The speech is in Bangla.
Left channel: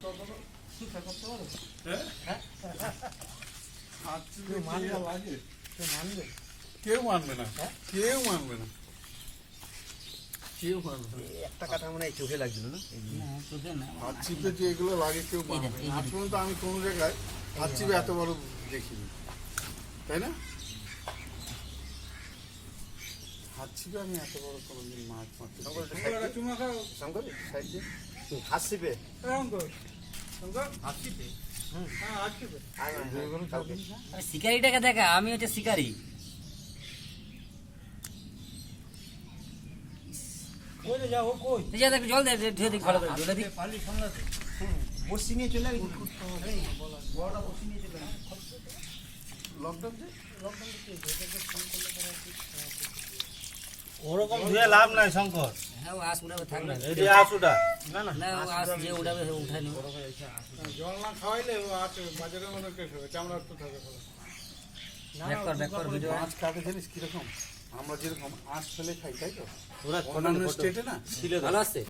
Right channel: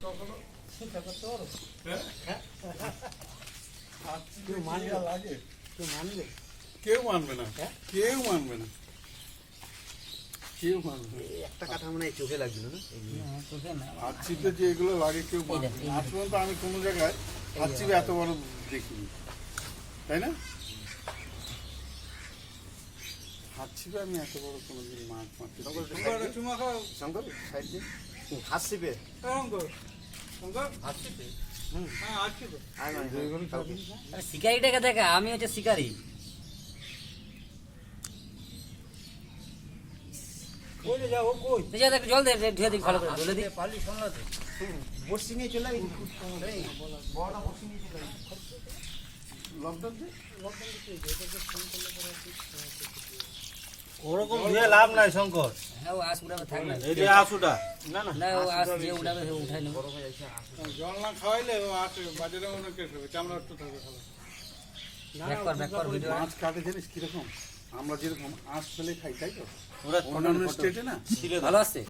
কেউ মানবে না, কেউ মানবে না, কেউ মানবে না। একটা কথা মনে হয় চোখে লাগছিল না, চোখে না হাত চিপে যেগুলো লাগে কেউ মানবে না। আজ পর্যন্ত আমি কোনো জায়গায় হাত চিপে এত বড় দেখিনি, তাই না? হাত চিপে আমি এত বড় কোনোদিন মাছ মারতে হাত চিপে শিকারিটাকে দেখা, আমি হচ্ছে শিকারি। জল দে, ধুয়ে দিই, ভালো করে জলে দিই। বসি নিয়ে চলে গেছি। ওরকম দিয়ে লাভ নাই শঙ্কর। হ্যাঁ, ও আঁশ উঠাবে, থাক না। এই যে আঁশুটা না, ও আঁশ যে উঠাবে সে উঠাই নেবো। জল না খাওয়াইলে ও আছে বাজারে মনে কেস হবে, চামড়া একটু থাকবে ভালো। ব্যাক কর ভিডিও। মাছ কাটে জানিস কিরকম? আমরা যেরকম আঁশ ফেলে খাই, তাই তো? অন্যান্য স্টেটে না ভালো আসছে।